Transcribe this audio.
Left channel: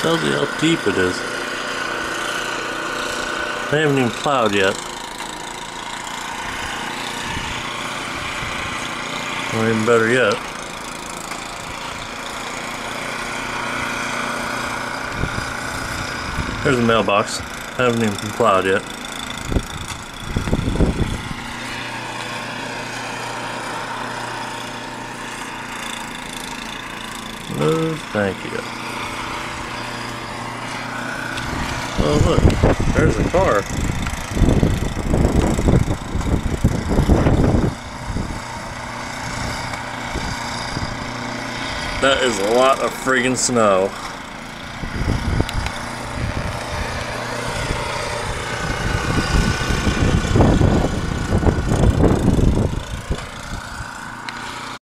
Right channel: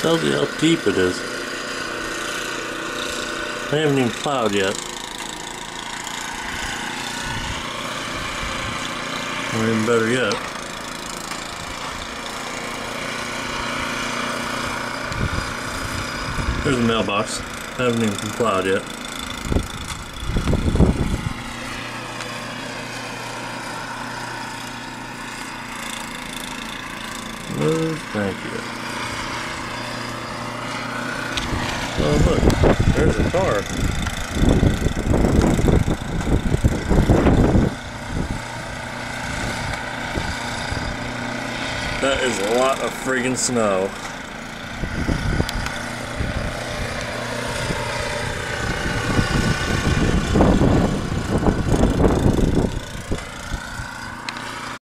Tells you how deep it is. I haven't even plowed yet. Or even better yet, there's the mailbox. I haven't even plowed yet. No, thank you. Oh look, there's a car. That is a lot of friggin' snow.